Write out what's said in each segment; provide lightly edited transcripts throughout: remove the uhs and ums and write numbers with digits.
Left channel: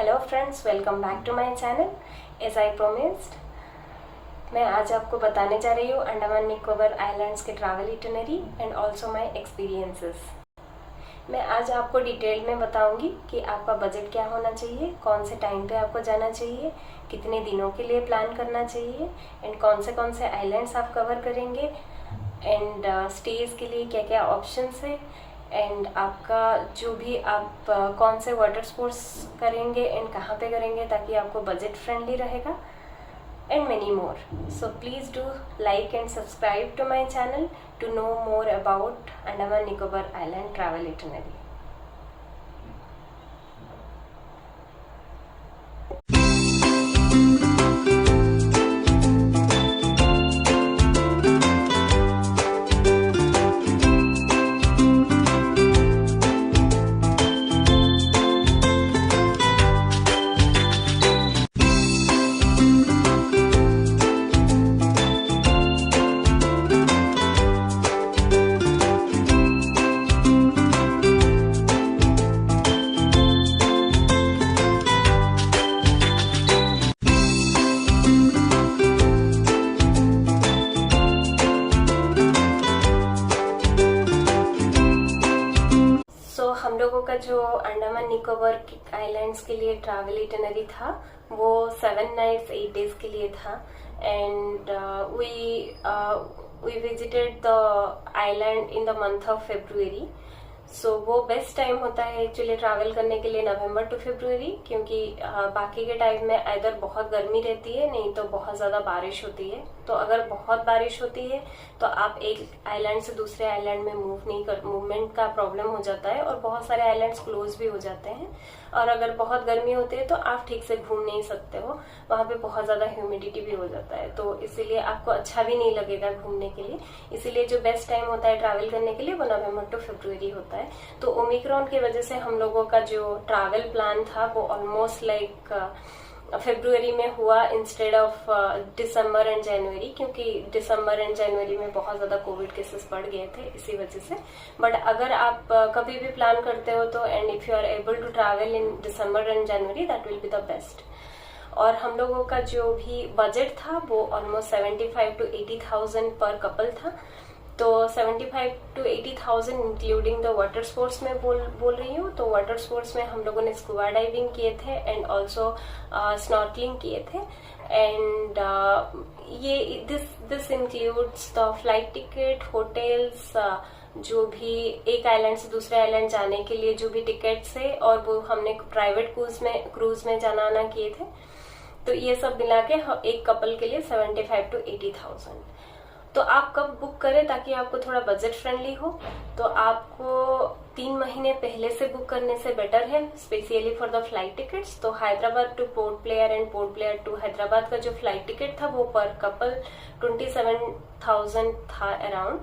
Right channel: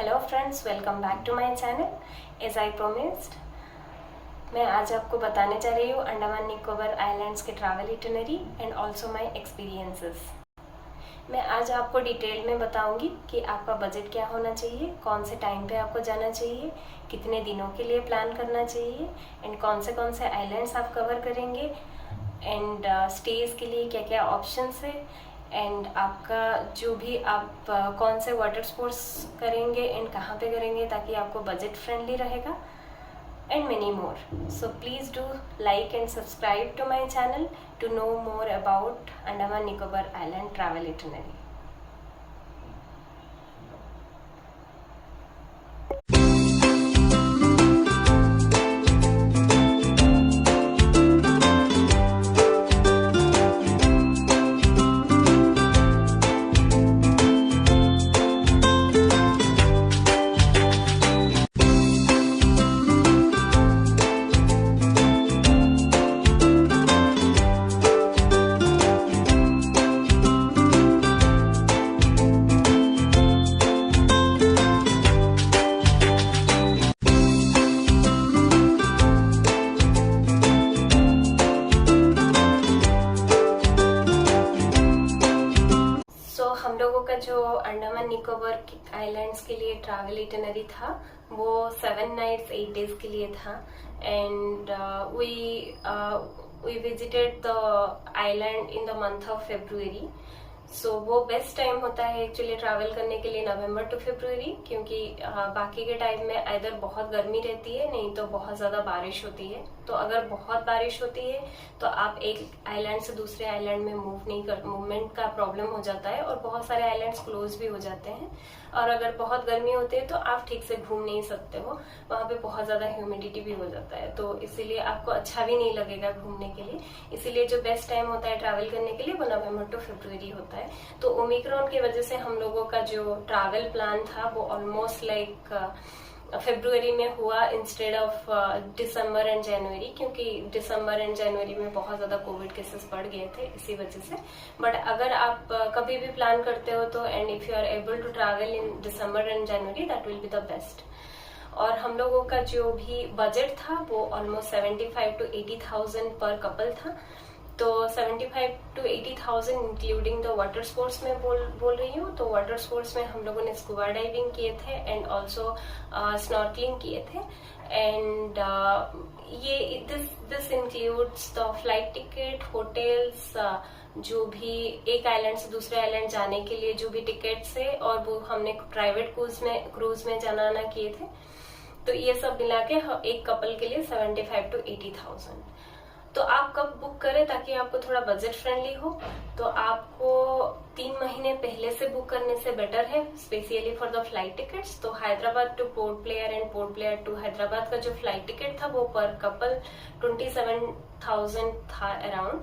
Hello friends, welcome back to my channel. As I promised, मैं आज आपको बताने जा रही हूँ अंडमान निकोबार आइलैंड्स के travel itinerary and also my experiences. मैं आज आपको डिटेल में बताऊंगी कि आपका बजट क्या होना चाहिए, कौन से टाइम पे आपको जाना चाहिए, कितने दिनों के लिए प्लान करना चाहिए एंड कौन से आइलैंड्स आप कवर करेंगे एंड स्टेज के लिए क्या क्या ऑप्शंस है एंड आपका जो भी आप कौन से वाटर स्पोर्ट्स करेंगे एंड कहाँ पे करेंगे ताकि आपको बजट फ्रेंडली रहेगा and many more. So please do like and subscribe to my channel to know more about Andaman Nicobar Island travel itinerary. हम लोगों का जो अंडमान निकोबार आइलैंड्स के लिए ट्रैवल इटिनरी था वो 7 nights 8 days के लिए था and we visited the island in the month of February. So वो बेस्ट टाइम होता है एक्चुअली ट्रैवल करने के लिए नवंबर टू February, क्योंकि बाकी के टाइम में इधर बहुत गर्मी रहती है नहीं तो बहुत ज़्यादा बारिश होती है. तो अगर बहुत बारिश होती है तो आप एक आइलैंड से दूसरे आइलैंड में मूवमेंट का प्रॉब्लम हो जाता है और बहुत सारे आइलैंड्स क्लोज भी हो जाते हैं. और अगर बहुत गर्मी होती है तो आप ठीक से घूम नहीं सकते हो, वहाँ पे बहुत ज़्यादा ह्यूमिडिटी भी हो जाता है, तो इसीलिए आपको अच्छा भी नहीं लगेगा घूमने के लिए. इसीलिए जो बेस्ट टाइम होता है ट्रैवल करने के लिए वो नवंबर टू February होता है. तो ओमिक्रॉन की वजह से हम लोगों का जो ट्रैवल प्लान था वो ऑलमोस्ट लाइक February में हुआ इंस्टेड ऑफ दिसंबर एंड जनवरी, क्योंकि दिसंबर एंड जनवरी में बहुत ज्यादा कोविड केसेस बढ़ गए थे इसी वजह से. बट अगर आप कभी भी प्लान करते हो तो and if you are able to travel in December and January that will be the best. और हम लोगों का जो भी बजट था वो ऑलमोस्ट 75 to 80,000 पर कपल था. तो 75 to 80,000 including the water sports में बोल रही हूँ. तो वाटर स्पोर्ट्स में हम लोगों ने स्कूबा डाइविंग किए थे एंड ऑल्सो स्नॉर्कलिंग किए थे एंड ये this includes the flight ticket, hotels, जो भी एक आइलैंड से दूसरे आइलैंड जाने के लिए जो भी टिकट्स है, और वो हमने प्राइवेट क्रूज में जाना आना किए थे. तो ये सब मिला के एक कपल के लिए 75 to 80,000. तो आप कब बुक करें ताकि आपको थोड़ा बजट फ्रेंडली हो, तो आपको 3 महीने पहले से बुक करने से बेटर है, specially for the flight tickets. तो Hyderabad to Port Blair and Port Blair to Hyderabad का जो फ्लाइट टिकट था वो पर कपल 27,000 था अराउंड.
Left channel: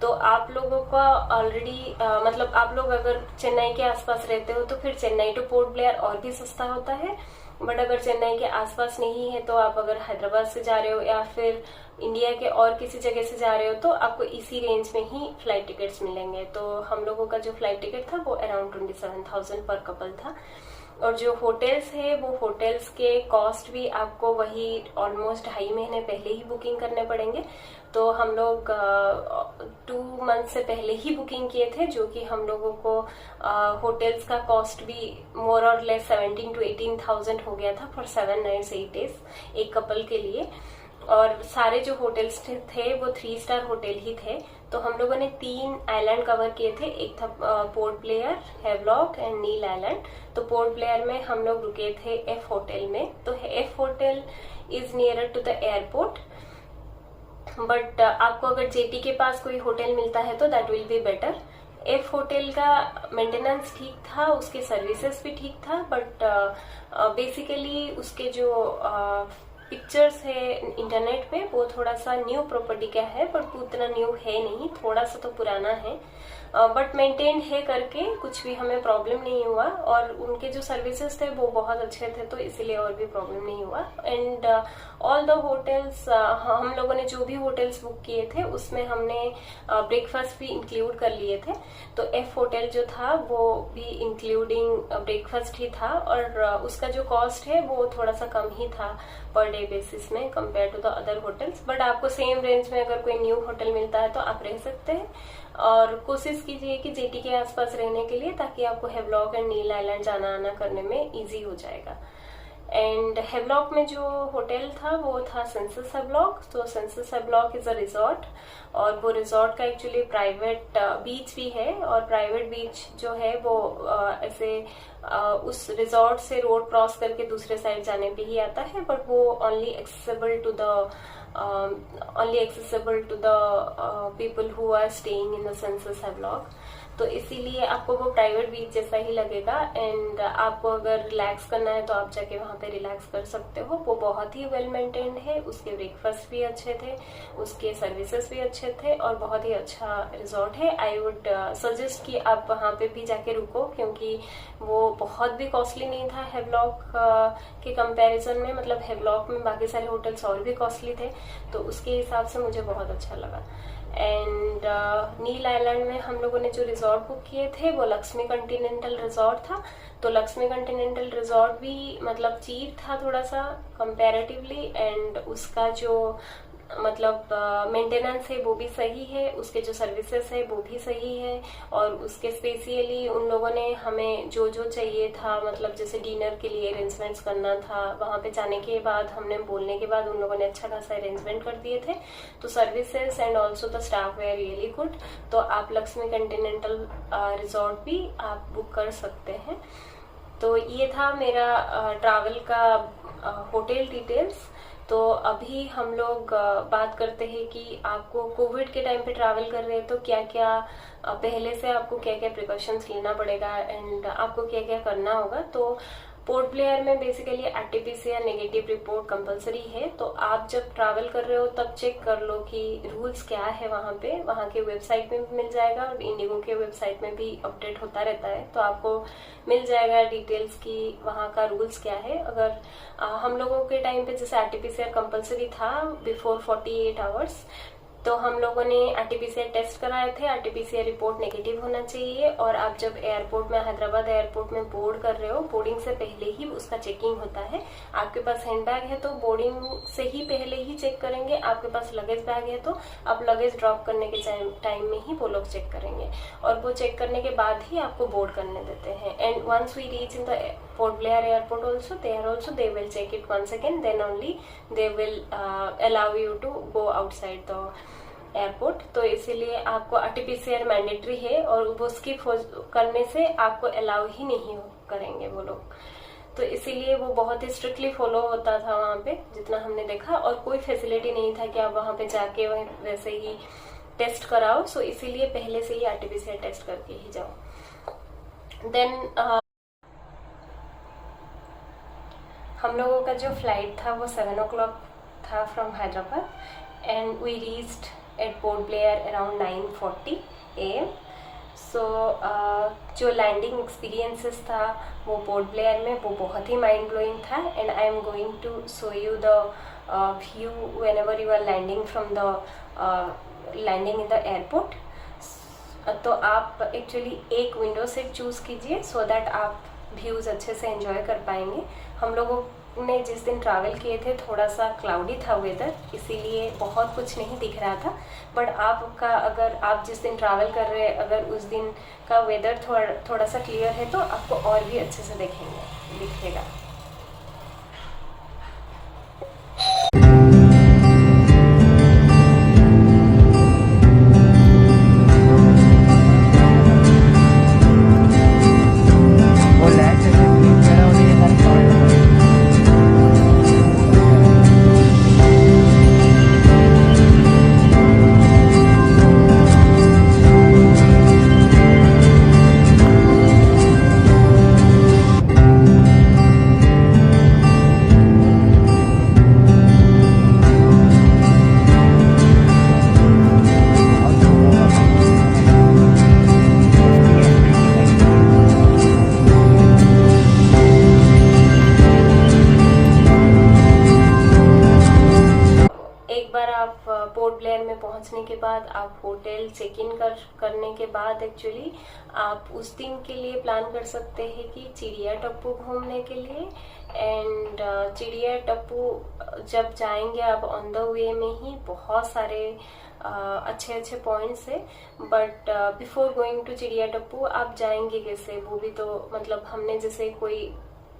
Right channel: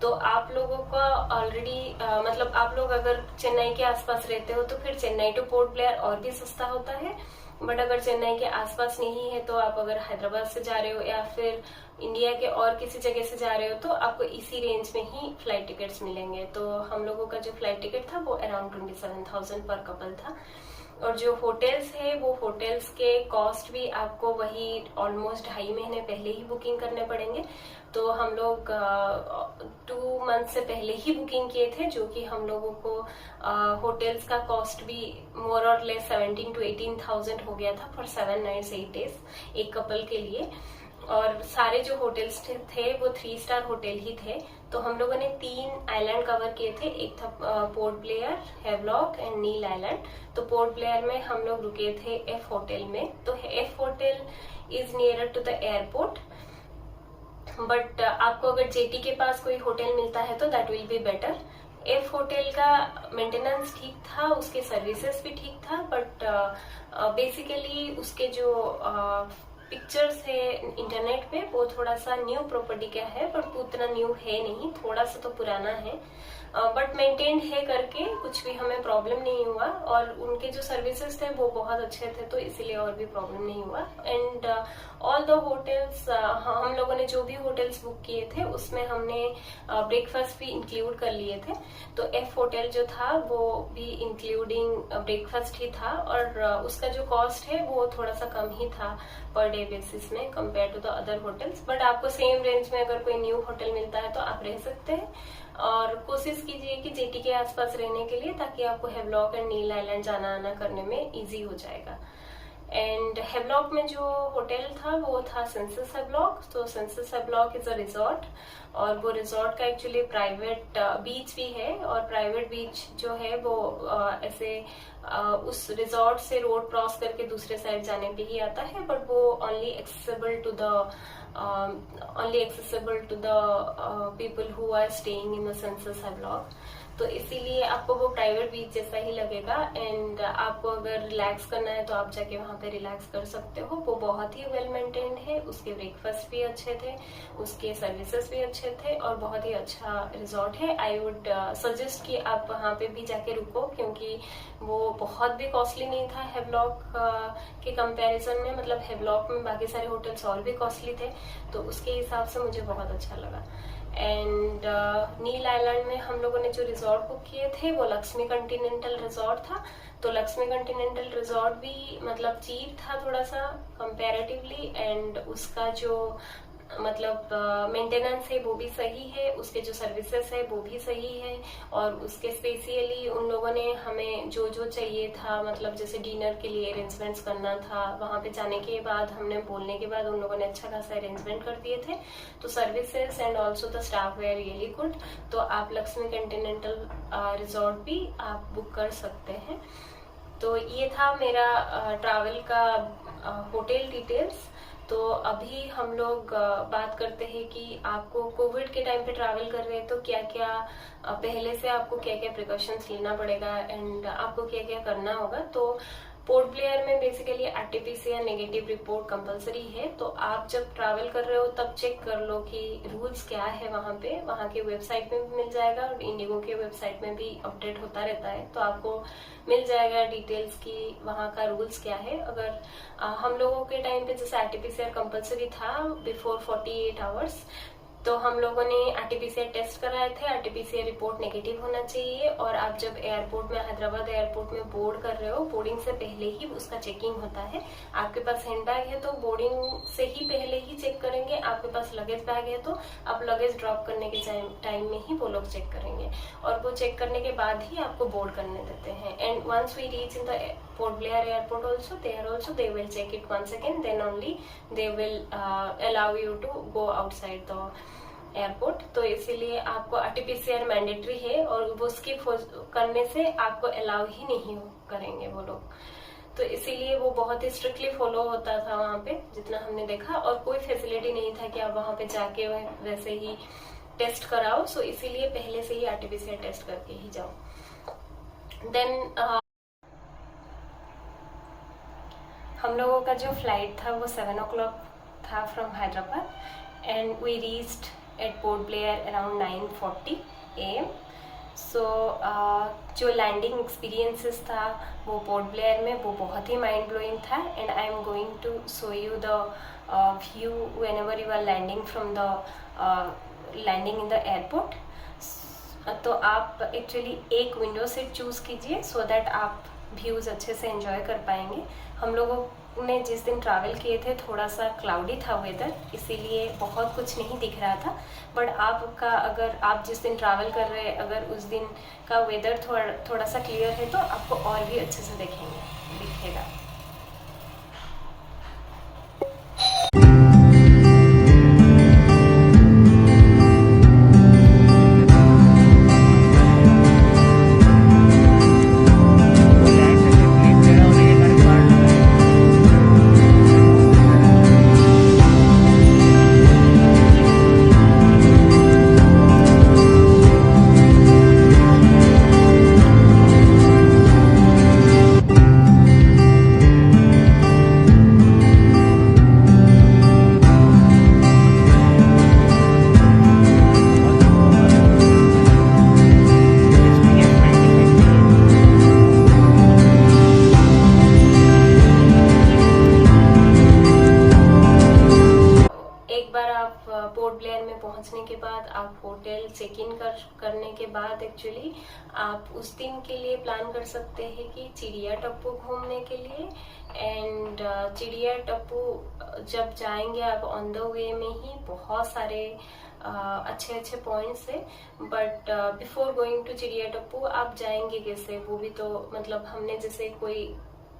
तो आप लोगों का ऑलरेडी मतलब आप लोग अगर चेन्नई के आसपास रहते हो तो फिर चेन्नई टू पोर्ट ब्लेयर और भी सस्ता होता है. बट अगर चेन्नई के आसपास नहीं है तो आप अगर हैदराबाद से जा रहे हो या फिर इंडिया के और किसी जगह से जा रहे हो तो आपको इसी रेंज में ही फ्लाइट टिकट्स मिलेंगे. तो हम लोगों का जो फ्लाइट टिकट था वो अराउंड 27,000 पर कपल था. और जो होटल्स है वो होटल्स के कॉस्ट भी आपको वही ऑलमोस्ट 2.5 महीने पहले ही बुकिंग करने पड़ेंगे. तो हम लोग 2 मंथ से पहले ही बुकिंग किए थे, जो कि हम लोगों को होटल्स का कॉस्ट भी मोर और लेस 17 to 18,000 हो गया था फॉर 7 nights 8 days एक कपल के लिए. और सारे जो होटल्स थे वो 3 स्टार होटल ही थे. तो हम लोगों ने 3 आइलैंड कवर किए थे. एक था Port Blair, Havelock and Neil island. तो पोर्ट ब्लेयर में हम लोग रुके थे एफ होटल में. तो F hotel is nearer to the airport, but आपको अगर जेटी के पास कोई होटल मिलता है तो that will be better. F hotel का मेंटेनेंस ठीक था, उसके सर्विसेज भी ठीक था, बट बेसिकली उसके जो पिक्चर्स है इंटरनेट पे वो थोड़ा सा न्यू प्रॉपर्टी का है, बट उतना न्यू है नहीं, थोड़ा सा तो पुराना है. बट मेंटेन्ड है करके कुछ भी हमें प्रॉब्लम नहीं हुआ, और उनके जो सर्विसेज थे वो बहुत अच्छे थे, तो इसीलिए और भी प्रॉब्लम नहीं हुआ। एंड ऑल द होटल्स, हम लोगों ने जो भी होटल्स बुक किए थे उसमें हमने ब्रेकफास्ट भी इंक्लूड कर लिए थे। तो एफ होटल जो था वो भी इंक्लूडिंग ब्रेकफास्ट ही था, और उसका जो कॉस्ट है वो थोड़ा सा कम ही था पर डे बेसिस में compare to the other hotels. But आपको सेम रेंज में अगर कोई न्यू होटल मिलता है तो आप रह सकते हैं, और कोशिश कीजिए कि जेटी के आसपास रहने के लिए, ताकि आपको हेवलॉक एंड नील आइलैंड जाना आना करने में इजी हो जाएगा। एंड हेवलॉक में जो होटल था वो था सेंसस हेवलॉक। तो census Havelock is a resort, और वो रिजॉर्ट का एक्चुअली प्राइवेट बीच भी है, और प्राइवेट बीच जो है वो ऐसे उस रिजॉर्ट से रोड क्रॉस करके दूसरे साइड जाने पे ही आता है, बट वो only accessible to the people who are staying in the census Havelock. तो इसीलिए आपको वो प्राइवेट बीच जैसा ही लगेगा। एंड आपको अगर रिलैक्स करना है तो आप जाके वहां पे रिलैक्स कर सकते हो। वो बहुत ही वेल मेंटेन्ड है, उसके ब्रेकफास्ट भी अच्छे थे, उसके सर्विसेज भी अच्छे थे, और बहुत ही अच्छा रिजॉर्ट है। आई वुड सजेस्ट कि आप वहां पे भी जाके रुको, क्योंकि वो बहुत भी कॉस्टली नहीं था हेवलॉक के कंपैरिजन में। मतलब हेवलॉक में बाकी सारे होटल्स और भी कॉस्टली थे, तो उसके हिसाब से मुझे बहुत अच्छा लगा। एंड नील आइलैंड में हम लोगों ने जो रिजॉर्ट बुक किए थे वो लक्ष्मी कॉन्टिनेंटल रिजॉर्ट था। तो लक्ष्मी कॉन्टिनेंटल रिजॉर्ट भी मतलब चीप था थोड़ा सा कंपैरेटिवली, एंड उसका जो मतलब मेंटेनेंस है वो भी सही है, उसके जो सर्विसेज है वो भी सही है, और उसके स्पेशली उन लोगों ने हमें जो जो चाहिए था, मतलब जैसे डिनर के लिए अरेंजमेंट्स करना था, वहां पे जाने के बाद हमने बोलने के बाद उन लोगों ने अच्छा खासा अरेंजमेंट कर दिए थे। तो services and also the staff were really good. तो आप लक्ष्मी कॉन्टिनेंटल रिजॉर्ट भी आप बुक कर सकते हैं। तो ये था मेरा ट्रैवल का होटल डिटेल्स। तो अभी हम लोग बात करते हैं कि आपको कोविड के टाइम पे ट्रैवल कर रहे हैं तो क्या क्या पहले से आपको क्या क्या प्रिकॉशंस लेना पड़ेगा एंड आपको क्या क्या करना होगा। तो पोर्ट ब्लेयर में basically RTPCR negative report compulsory है। तो आप जब ट्रैवल कर रहे हो तब चेक कर लो कि रूल्स क्या है वहां पे। वहां के वेबसाइट में भी मिल जाएगा और इंडिगो के वेबसाइट में भी अपडेट होता रहता है, तो आपको मिल जाएगा डिटेल्स की वहां का रूल्स क्या है। अगर हम लोगों के टाइम पे जैसे आरटीपीसीआर कंपलसरी था बिफोर 48 आवर्स, तो हम लोगों ने आरटीपीसीआर टेस्ट कराए थे। आरटीपीसीआर रिपोर्ट नेगेटिव होना चाहिए, और आप जब एयरपोर्ट में हैदराबाद एयरपोर्ट में बोर्ड कर रहे हो, बोर्डिंग से पहले ही उसका चेकिंग होता है। आपके पास हैंडबैग है तो बोर्डिंग से ही पहले ही चेक करेंगे। आपके पास लगेज बैग है तो आप लगेज ड्रॉप करने के टाइम में ही वो लोग चेक करेंगे, और वो चेक करने के बाद ही आपको बोर्ड करने देते हैं। And once we reach in the Port Blair airport also they will check it once again, then only they will allow you to go outside the airport. तो इसीलिए आपको आरटीपीसीआर मैंडेटरी है, और वो स्किप करने से आपको अलाउ ही नहीं करेंगे वो लोग। तो इसीलिए वो बहुत ही स्ट्रिक्टली फॉलो होता था वहां पे जितना हमने देखा, और कोई फैसिलिटी नहीं था कि आप वहां पे जाके वैसे ही टेस्ट कराओ। सो इसीलिए पहले से ही आरटीपीसीआर टेस्ट करके ही जाओ। देन हम लोगों का जो फ्लाइट था वो 7 o'clock था from Hyderabad, and we reached at Port Blair around 9:40 AM। So जो लैंडिंग एक्सपीरियंसेस था वो पोर्ट ब्लेयर में वो बहुत ही माइंड ब्लोइंग था। And I am going to show you the view whenever you are landing from the landing in the airport. तो आप एक्चुअली एक विंडो सीट चूज कीजिए सो दैट आप व्यूज़ अच्छे से एंजॉय कर पाएंगे। हम लोगों ने जिस दिन ट्रैवल किए थे थोड़ा सा क्लाउडी था वेदर, इसीलिए बहुत कुछ नहीं दिख रहा था। बट आपका अगर आप जिस दिन ट्रैवल कर रहे हैं अगर उस दिन का वेदर थोड़ा सा क्लियर है तो आपको और भी अच्छे से दिखेगा। ब्लेयर में पहुंचने के बाद आप होटल चेक इन करने के बाद एक्चुअली आप उस दिन के लिए प्लान कर सकते हैं कि चिड़िया टप्पू घूमने के लिए। एंड चिड़िया टप्पू जब जाएंगे आप ऑन द वे में ही बहुत सारे अच्छे अच्छे पॉइंट्स है, but before going to Chidiya Tappu आप जाएंगे कैसे, वो भी तो मतलब हमने जैसे कोई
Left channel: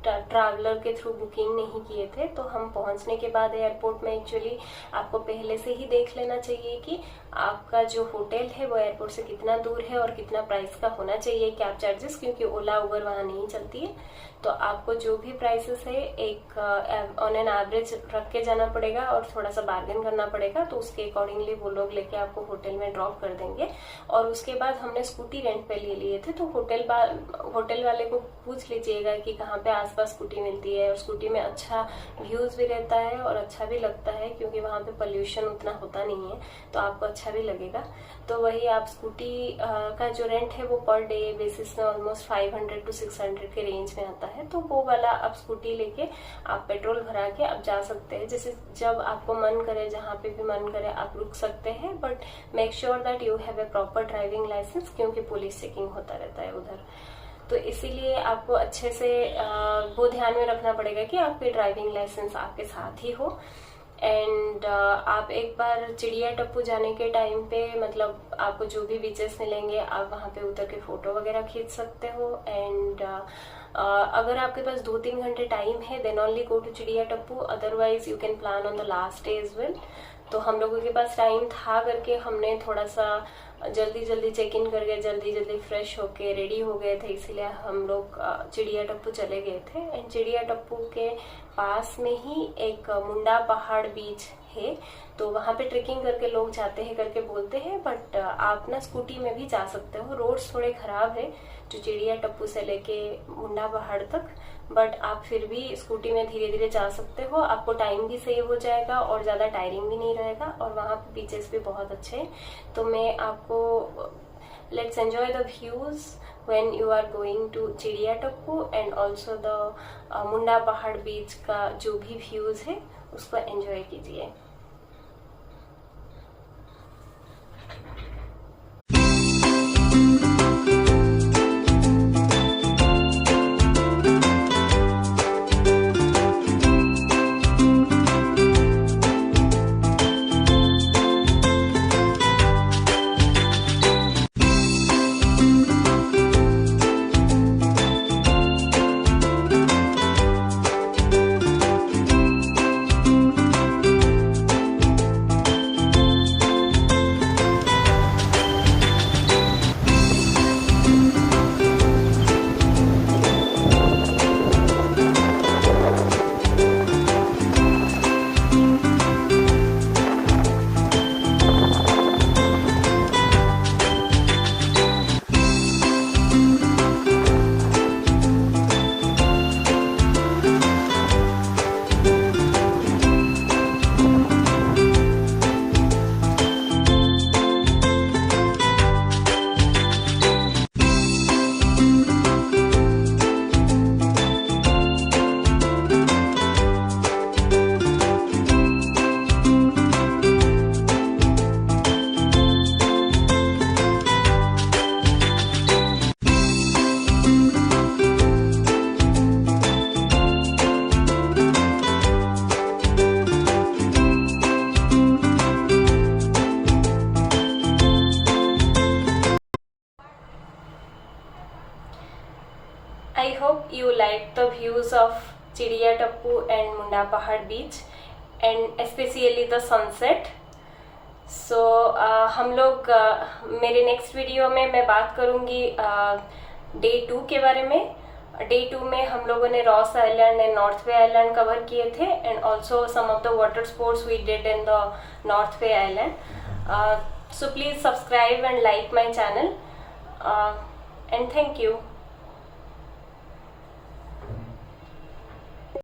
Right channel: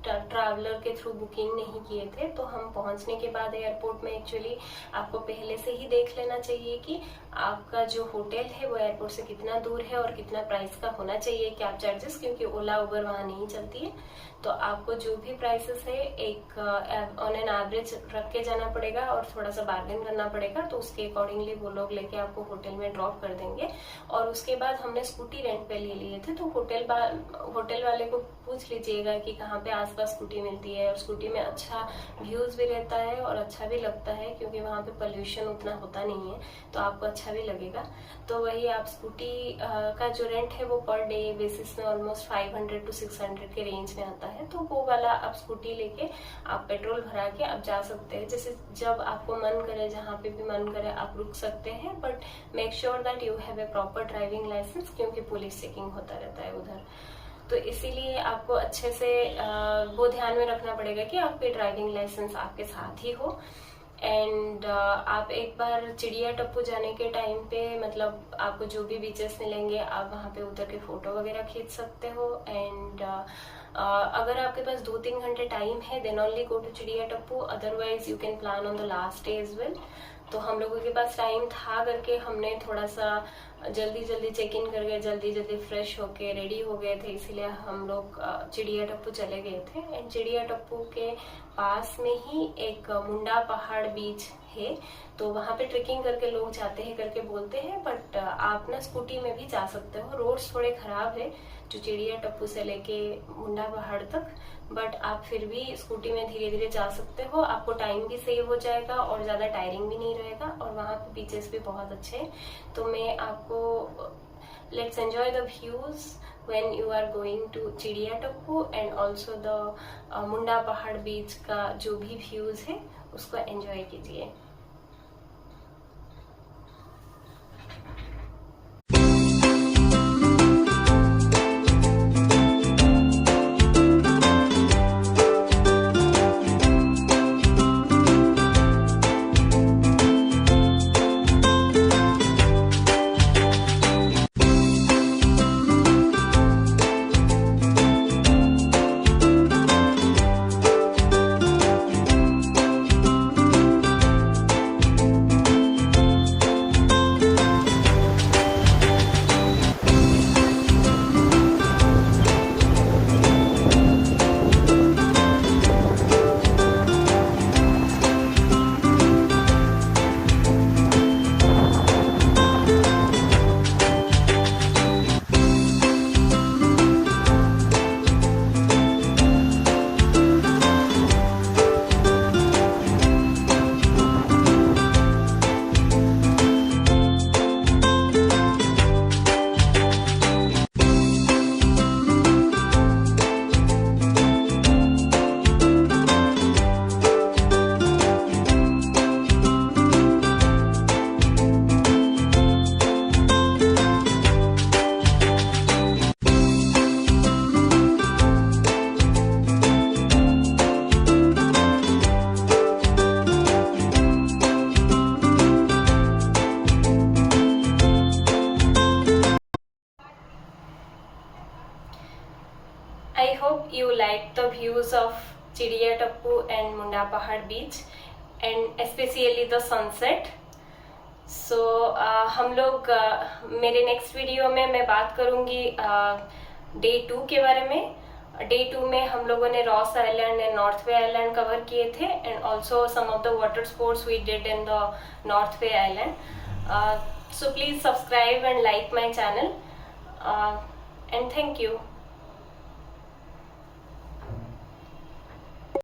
ट्रैवलर के थ्रू बुकिंग नहीं किए थे, तो हम पहुंचने के बाद एयरपोर्ट में एक्चुअली आपको पहले से ही देख लेना चाहिए कि आपका जो होटल है वो एयरपोर्ट से कितना दूर है और कितना प्राइस का होना चाहिए कैब चार्जेस, क्योंकि ओला उबर वहां नहीं चलती है। तो आपको जो भी प्राइसेस है एक ऑन एन एवरेज रख के जाना पड़ेगा और थोड़ा सा बार्गेन करना पड़ेगा, तो उसके अकॉर्डिंगली वो लोग लेके आपको होटल में ड्रॉप कर देंगे। और उसके बाद हमने स्कूटी रेंट पे ले लिए थे, तो होटल वाले को पूछ लीजिएगा कि कहाँ पे आसपास स्कूटी मिलती है, और स्कूटी में अच्छा व्यूज भी रहता है और अच्छा भी लगता है, क्योंकि वहाँ पे पोल्यूशन उतना होता नहीं है, तो आपको अच्छा भी लगेगा। तो वही आप स्कूटी का जो रेंट है वो पर डे बेसिस में ऑलमोस्ट 500 to 600 के रेंज में आता है। तो वो वाला आप स्कूटी लेके आप पेट्रोल भरा के आप जा सकते हैं, जैसे जब आपको मन करे, जहाँ पे भी मन करे आप रुक सकते हैं, but make sure that you have a proper driving licence, क्योंकि पुलिस चेकिंग होता रहता है उधर। तो इसीलिए आपको अच्छे से वो ध्यान में रखना पड़ेगा कि आपके ड्राइविंग लाइसेंस आपके साथ ही हो। एंड आप एक बार चिड़िया टप्पू जाने के टाइम पे मतलब आपको जो भी बीचेस मिलेंगे आप वहाँ पे उतर के फोटो वगैरह खींच सकते हो। एंड अगर आपके पास 2-3 घंटे टाइम है then only go to Chidiya Tapu, otherwise you can plan on the last day as well. तो हम लोगों के पास टाइम था करके हमने थोड़ा सा जल्दी चेक इन करके जल्दी फ्रेश होके रेडी हो गए थे, इसीलिए हम लोग चिड़िया टप्पू चले गए थे। एंड चिड़िया टप्पू के पास में ही एक मुंडा पहाड़ बीच है, तो वहां पे ट्रेकिंग करके लोग जाते हैं करके बोलते हैं, बट आप ना स्कूटी में भी जा सकते हो। रोड्स थोड़े खराब है जो चिड़िया टप्पू से लेके मुंडा पहाड़ तक, बट आप फिर भी स्कूटी में धीरे धीरे जा सकते हो, आपको टाइम भी सेव हो जाएगा और ज्यादा टायरिंग भी नहीं रहेगा, और वहाँ पे बीचेस भी बहुत अच्छे हैं। तो मैं आपको let's enjoy the views when you are going to चिड़िया टप्पू एंड ऑल्सो द मुंडा पहाड़ बीच का जो भी व्यूज है उसको एंजॉय कीजिए। I hope you like the views of चिड़िया टप्पू and मुंडा पहाड़ beach and especially the sunset. So हम लोग मेरे नेक्स्ट वीडियो में मैं बात करूँगी डे 2 के बारे में। डे 2 में हम लोगों ने Ross island and North Bay island cover किए थे, and also some of the water sports we did in the North Bay island. So please subscribe and like my channel, and thank you.